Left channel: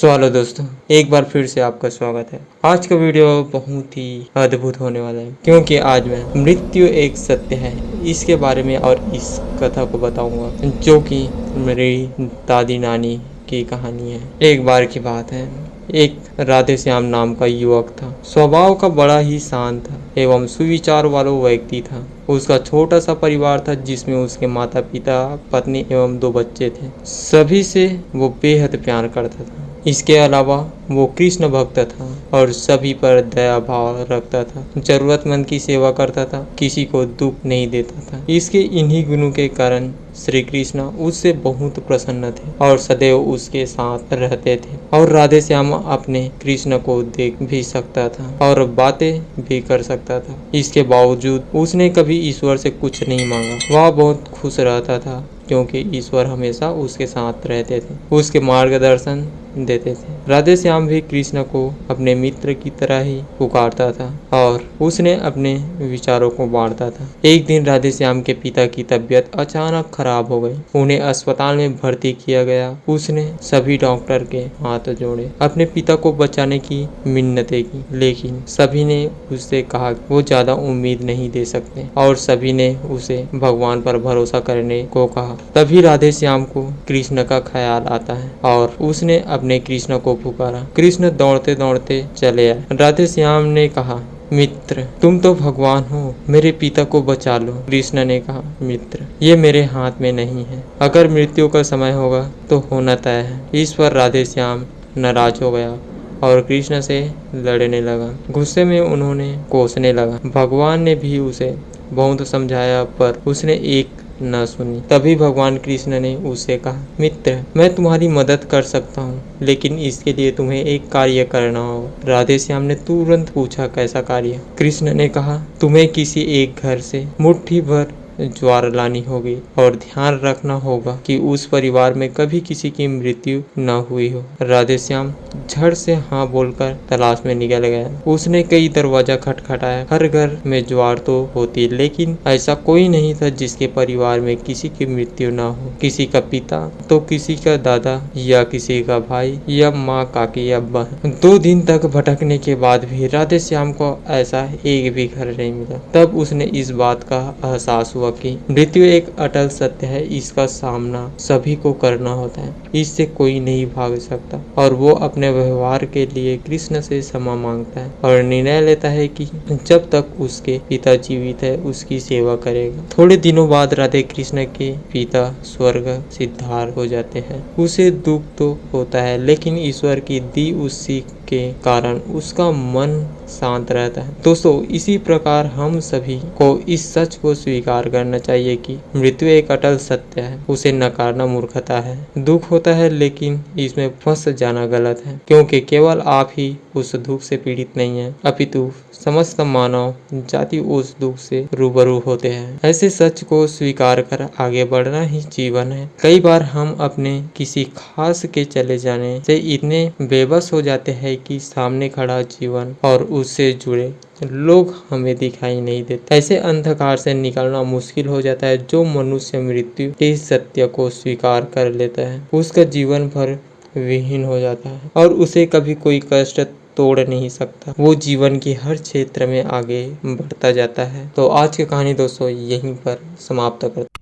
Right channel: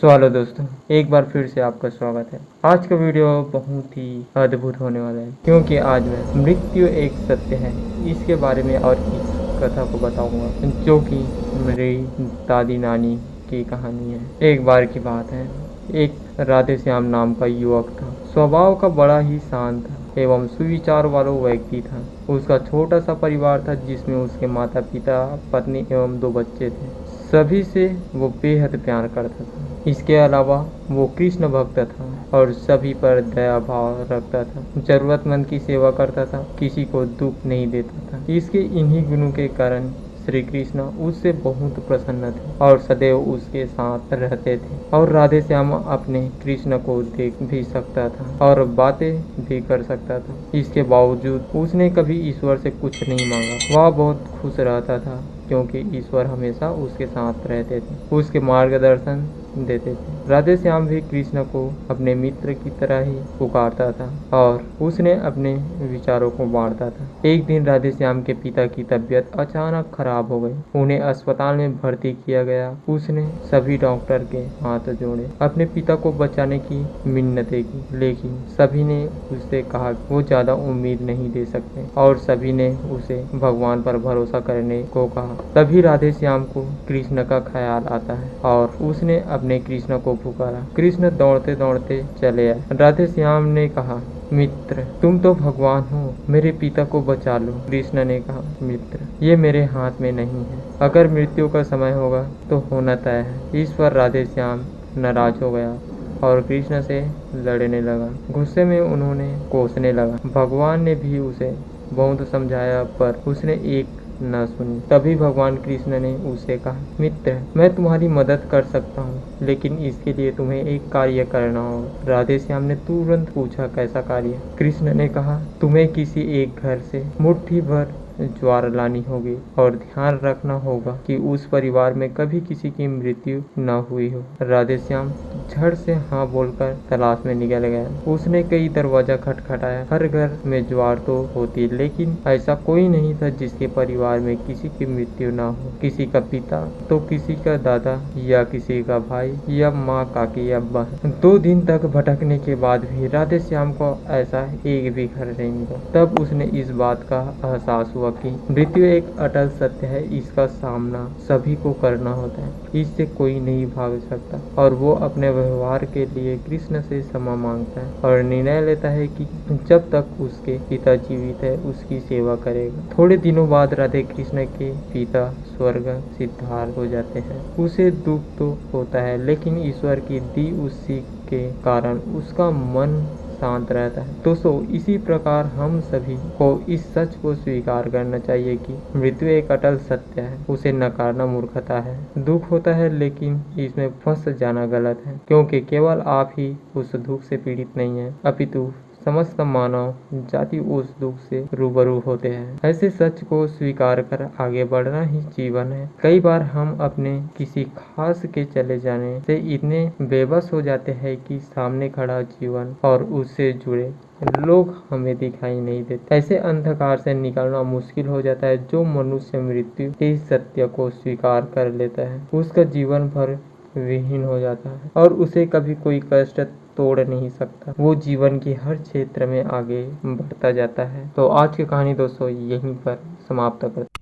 Hello दोस्तों, एक बार फिर से आपका स्वागत है। आज का वीडियो बहुत ही अद्भुत होने वाला है क्योंकि आज मैं मृत्यु एक सत्य है इसके बारे में और इस कथा को बताऊंगा जो कि मेरी दादी नानी की कहानी है। एक बार की बात है, एक राधे श्याम नाम का युवक था। स्वभाव का बड़ा ही शांत था एवं सुविचार वाला व्यक्ति था। उसका छोटा सा परिवार था जिसमें उसके माता पिता, पत्नी एवं 2 बच्चे थे। सभी से वो बेहद प्यार करता था। इसके अलावा वो कृष्ण भक्त था और सभी पर दया भाव रखता था। जरूरतमंद की सेवा करता था, किसी को दुख नहीं देता था। इसके इन्हीं गुणों के कारण श्री कृष्ण उससे बहुत प्रसन्न थे और सदैव उसके साथ रहते थे। और राधे श्याम अपने कृष्ण को देख भी सकता था और बातें भी कर सकता था। इसके बावजूद उसने कभी ईश्वर से कुछ नहीं मांगा। वह बहुत खुश रहता था क्योंकि ईश्वर हमेशा उसके साथ रहते थे, उसके मार्गदर्शन देते थे। राधे श्याम भी कृष्ण को अपने मित्र की तरह ही पुकारता था और उसने अपने विचारों को बांटता था। एक दिन राधे श्याम के पिता की तबीयत अचानक खराब हो गई। उन्हें अस्पताल में भर्ती किया गया। उसने सभी डॉक्टर के हाथ जोड़े, अपने पिता को बचाने की मिन्नतें की, लेकिन सभी ने उससे कहा वो ज्यादा उम्मीद नहीं दे सकते और सभी ने उसे भगवान पर भरोसा करने को कहा। तभी राधे श्याम को कृष्ण का ख्याल आता है और उसने अपने कृष्ण को पुकारा। कृष्ण दौड़ते दौड़ते चले आए। राधे श्याम ने कहा, मित्र तुम तो भगवान हो, मेरे पिता को बचा लो। कृष्ण ने कहा, मित्र ये मेरे हाथ में नहीं है। अगर मृत्यु का समय होगा तो होना तय है। इस पर राधे श्याम नाराज हो गया और कृष्ण से लड़ने लगा। गुस्से में उन्होंने कोसने लगा। भगवान ने भी उसे बहुत समझाया पर उसने एक न सुनी। तभी भगवान कृष्ण ने उससे कहा, मित्र मैं तुम्हारी मदद कर सकता हूँ, लेकिन इसके लिए तुम्हें एक कार्य करना होगा। राधे श्याम ने तुरंत पूछा, कैसा कार्य? कृष्ण ने कहा, तुम्हें किसी एक घर से मुट्ठी भर ज्वार लानी होगी और ध्यान रखना होगा कि उस परिवार में कभी किसी की मृत्यु न हुई हो। राधे श्याम झट से हाँ बोलकर तलाश में निकल गया। उसने कई दरवाजा खटखटाया। हर घर में ज्वार तो होती, लेकिन ऐसा कोई नहीं था जिसके परिवार में किसी की मृत्यु न हो। किसी का पिता तो किसी का दादा या किसी का भाई या माँ, काकी या बहन। 2 दिन तक भटकने के बाद भी राधे श्याम को ऐसा एक भी घर नहीं मिला। तब उसने इस बात का एहसास हुआ कि मृत्यु एक अटल सत्य है। इसका सामना सभी को करना होता है, इससे कोई नहीं भाग सकता। और वो अपने व्यवहार के लिए कृष्ण से क्षमा मांगता है और निर्णय लेता है कि जब तक उसके पिता जीवित है उसकी सेवा करेगा। थोड़े दिनों बाद राधे कृष्ण के पिता स्वर्ग सिद्धार्थ हो जाते हैं। उसे दुख तो होता है, लेकिन ईश्वर की दी उस सीख के कारण उसका मन शांत रहता है। दोस्तों, इसी प्रकार हम सभी को इस सच को स्वीकार करना चाहिए कि मृत्यु एक अटल सत्य है। उसे नकारना मूर्खता है। दुख होता है, लेकिन इसमें फंस जाना गलत है, क्योंकि केवल आप ही उस दुख से पीड़ित नहीं है, अपितु समस्त मानव जाति उस दुख से रूबरू होते हैं। ऐसे सच को स्वीकार कर आगे बढ़ना ही जीवन है। कई बार हम अपने किसी खास के चले जाने से इतने बेबस हो जाते हैं कि सामने खड़ा जीवन और उससे जुड़े लोग हमें दिखाई नहीं देते। ऐसे अंधकार से निकलना मुश्किल हो जाता है। जो मनुष्य मृत्यु के सत्य को स्वीकार कर लेता है उसका जीवन भर विहीन हो जाता है और उसे कभी कोई कष्ट तोड़ नहीं सकता। वो जीवन की हर क्षेत्र में आगे बढ़ता जाता है। तो आज की कहानी दोस्तों यहीं पर समाप्त करते हैं।